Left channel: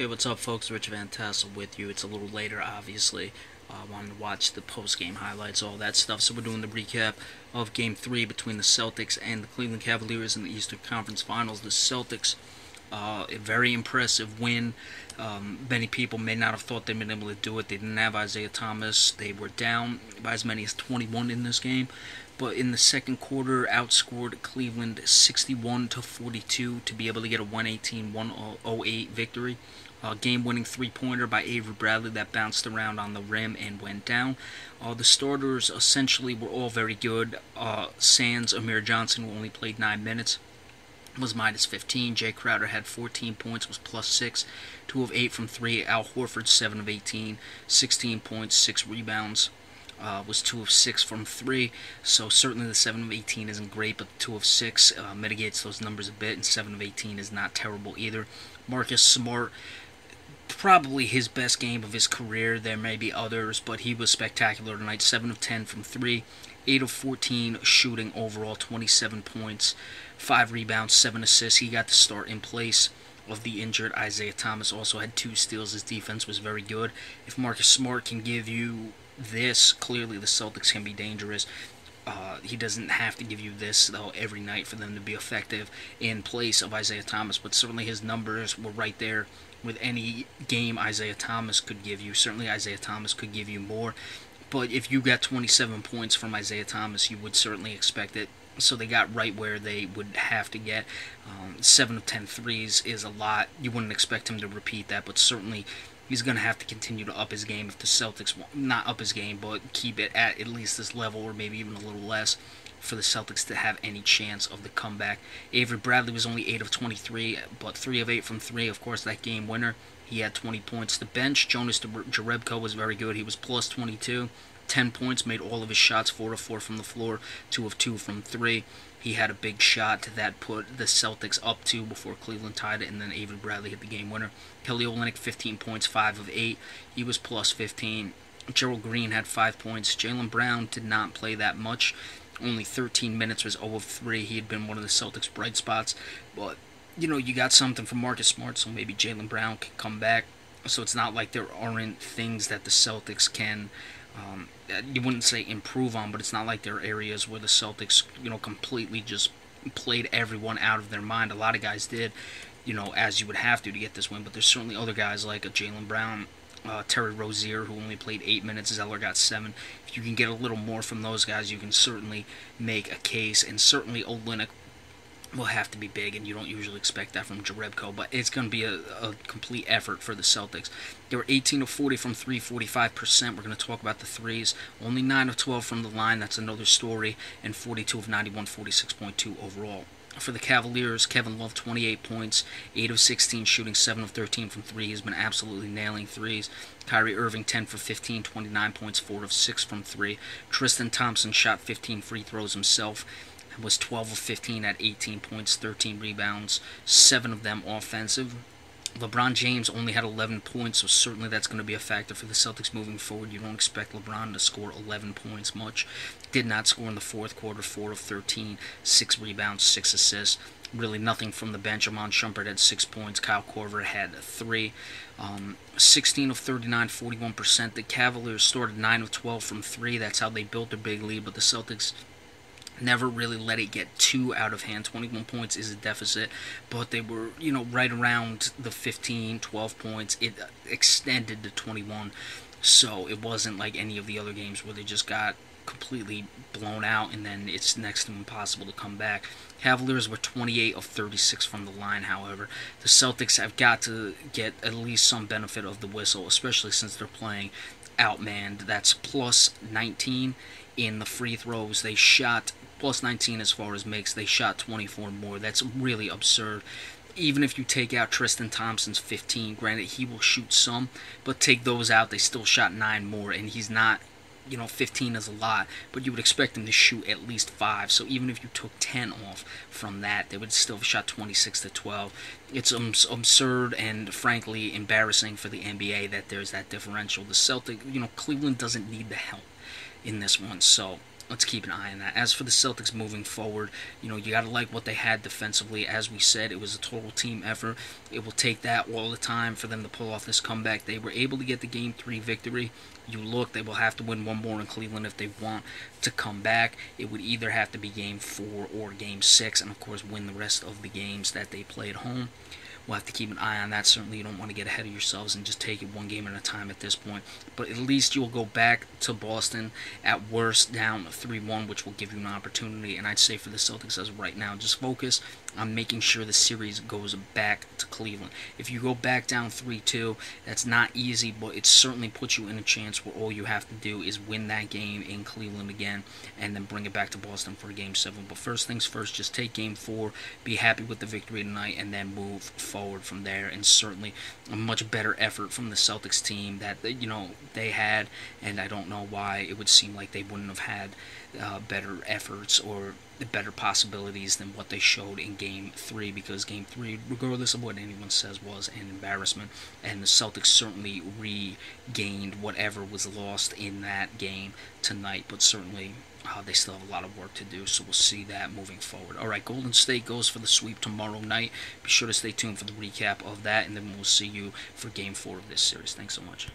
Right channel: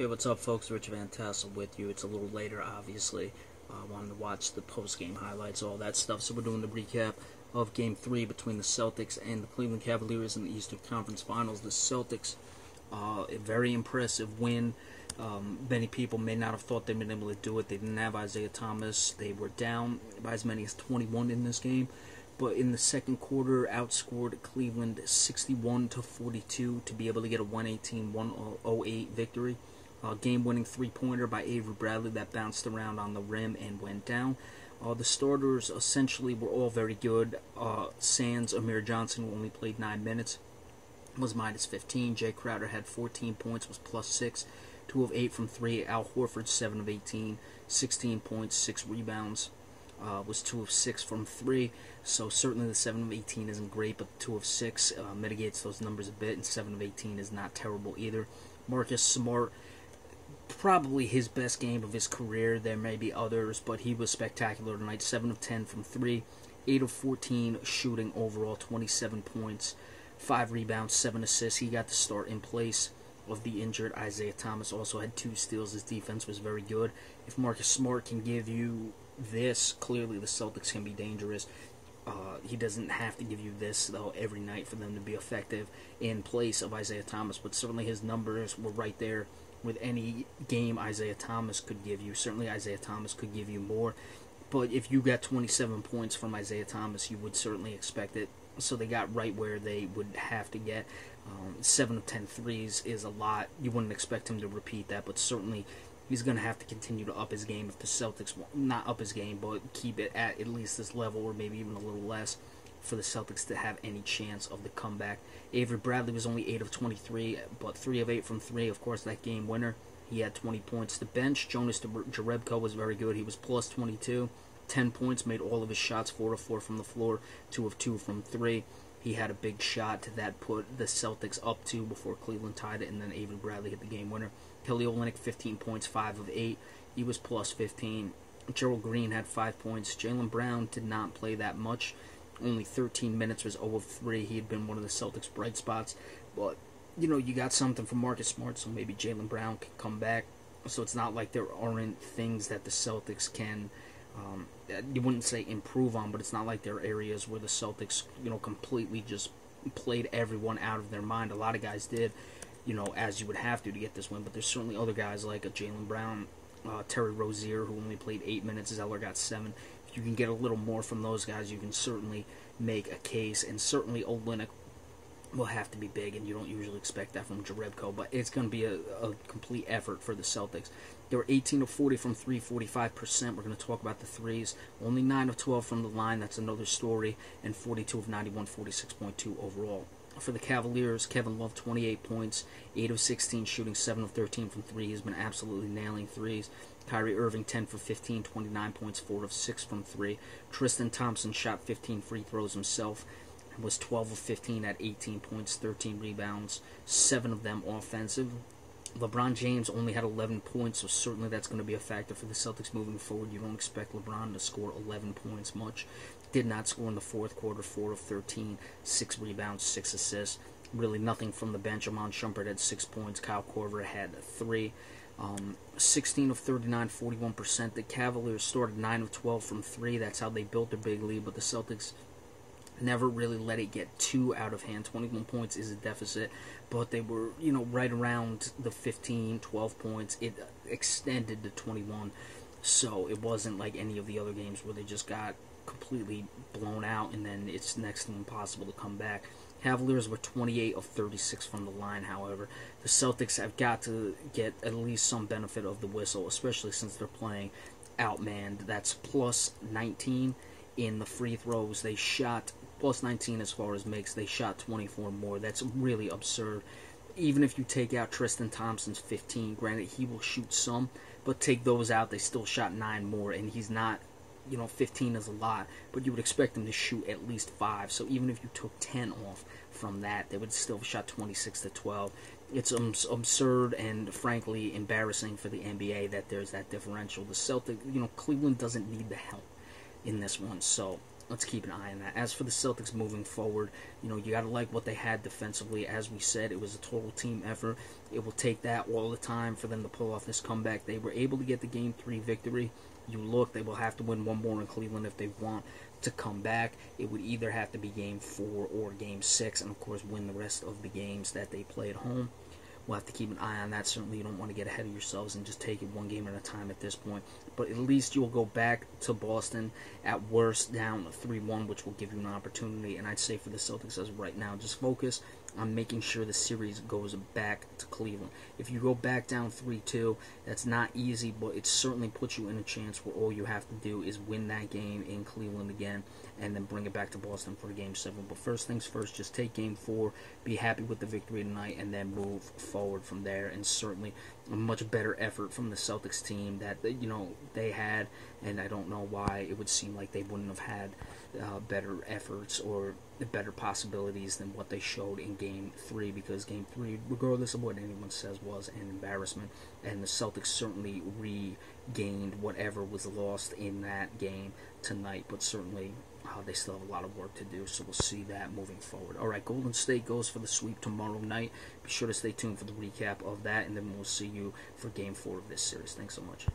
Hey, what's up, folks? Rich Van Tassel with you. It's a little later, obviously. Wanted to watch the post-game highlights, all that stuff. So we're doing the recap of Game 3 between the Celtics and the Cleveland Cavaliers in the Eastern Conference Finals. The Celtics, a very impressive win. Many people may not have thought they'd been able to do it. They didn't have Isaiah Thomas. They were down by as many as 21 in this game. But in the second quarter, outscored Cleveland 61-42 to be able to get a 118-108 victory. Game-winning three-pointer by Avery Bradley that bounced around on the rim and went down. The starters essentially were all very good. Sans Amir Johnson, who only played 9 minutes, was minus 15. Jay Crowder had 14 points, was plus 6. 2 of 8 from 3. Al Horford, 7 of 18. 16 points, 6 rebounds. Was 2 of 6 from 3. So certainly the 7 of 18 isn't great, but the 2 of 6 mitigates those numbers a bit, and 7 of 18 is not terrible either. Marcus Smart, probably his best game of his career. There may be others, but he was spectacular tonight. 7 of 10 from 3, 8 of 14 shooting overall, 27 points, 5 rebounds, 7 assists. He got the start in place of the injured Isaiah Thomas. Also had 2 steals. His defense was very good. If Marcus Smart can give you this, clearly the Celtics can be dangerous. He doesn't have to give you this, though, every night for them to be effective in place of Isaiah Thomas, but certainly his numbers were right there with any game Isaiah Thomas could give you. Certainly Isaiah Thomas could give you more, but if you got 27 points from Isaiah Thomas, you would certainly expect it. So they got right where they would have to get. 7 of 10 threes is a lot. You wouldn't expect him to repeat that, but certainly he's going to have to continue to up his game if the Celtics, not up his game, but keep it at least this level or maybe even a little less for the Celtics to have any chance of the comeback. Avery Bradley was only 8 of 23, but 3 of 8 from 3, of course, that game winner. He had 20 points. The bench, Jonas Jerebko was very good. He was plus 22, 10 points, made all of his shots, 4 of 4 from the floor, 2 of 2 from 3. He had a big shot that put the Celtics up 2 before Cleveland tied it, and then Avery Bradley hit the game winner. Kelly Olynyk, 15 points, 5 of 8. He was plus 15. Gerald Green had 5 points. Jaylen Brown did not play that much. Only 13 minutes, was 0 of 3. He had been one of the Celtics' bright spots. But, you got something from Marcus Smart, so maybe Jaylen Brown can come back. So it's not like there aren't things that the Celtics can, you wouldn't say improve on, but it's not like there are areas where the Celtics, completely just played everyone out of their mind. A lot of guys did, as you would have to get this win. But there's certainly other guys like a Jaylen Brown, Terry Rozier, who only played 8 minutes. Zeller got 7. If you can get a little more from those guys, you can certainly make a case. And certainly Olynyk will have to be big, and you don't usually expect that from Jerebko, but it's going to be a complete effort for the Celtics. They were 18 of 40 from 3, 45%. We're going to talk about the threes. Only 9 of 12 from the line. That's another story. And 42 of 91, 46.2 overall. For the Cavaliers, Kevin Love, 28 points, 8 of 16 shooting, 7 of 13 from 3. He's been absolutely nailing threes. Kyrie Irving, 10 for 15, 29 points, 4 of 6 from 3. Tristan Thompson shot 15 free throws himself, was 12 of 15 at 18 points, 13 rebounds, 7 of them offensive. LeBron James only had 11 points, so certainly that's going to be a factor for the Celtics moving forward. You don't expect LeBron to score 11 points much. Did not score in the fourth quarter, 4 of 13, 6 rebounds, 6 assists. Really nothing from the bench. Amon Shumpert had 6 points. Kyle Korver had 3. 16 of 39, 41%. The Cavaliers started 9 of 12 from 3. That's how they built their big lead, but the Celtics never really let it get too out of hand. 21 points is a deficit, but they were, right around the 15, 12 points. It extended to 21, so it wasn't like any of the other games where they just got completely blown out and then it's next to impossible to come back. Cavaliers were 28 of 36 from the line, however. The Celtics have got to get at least some benefit of the whistle, especially since they're playing outmanned. That's plus 19 in the free throws. They shot plus 19 as far as makes. They shot 24 more. That's really absurd. Even if you take out Tristan Thompson's 15, granted he will shoot some, but take those out, they still shot 9 more, and he's not, 15 is a lot, but you would expect him to shoot at least 5. So even if you took 10 off from that, they would still have shot 26 to 12. It's absurd and frankly embarrassing for the NBA that there's that differential. The Celtic, Cleveland doesn't need the help in this one, so let's keep an eye on that. As for the Celtics moving forward, you got to like what they had defensively. As we said, it was a total team effort. It will take that all the time for them to pull off this comeback. They were able to get the Game 3 victory. You look, they will have to win one more in Cleveland if they want to come back. It would either have to be Game 4 or Game 6, and of course win the rest of the games that they play at home. We'll have to keep an eye on that. Certainly, you don't want to get ahead of yourselves and just take it one game at a time at this point. But at least you'll go back to Boston at worst down 3-1, which will give you an opportunity. And I'd say for the Celtics as of right now, just focus on making sure the series goes back to Cleveland. If you go back down 3-2, that's not easy, but it certainly puts you in a chance where all you have to do is win that game in Cleveland again and then bring it back to Boston for Game 7. But first things first, just take Game 4, be happy with the victory tonight, and then move forward from there. And certainly a much better effort from the Celtics team that they had, and I don't know why it would seem like they wouldn't have had better efforts or better possibilities than what they showed in Game 3, because Game 3, regardless of what anyone says, was an embarrassment, and the Celtics certainly regained whatever was lost in that game tonight, but certainly they still have a lot of work to do, so we'll see that moving forward. Alright, Golden State goes for the sweep tomorrow night. Be sure to stay tuned for the recap of that, and then we'll see you for Game 4 of this series. Thanks so much.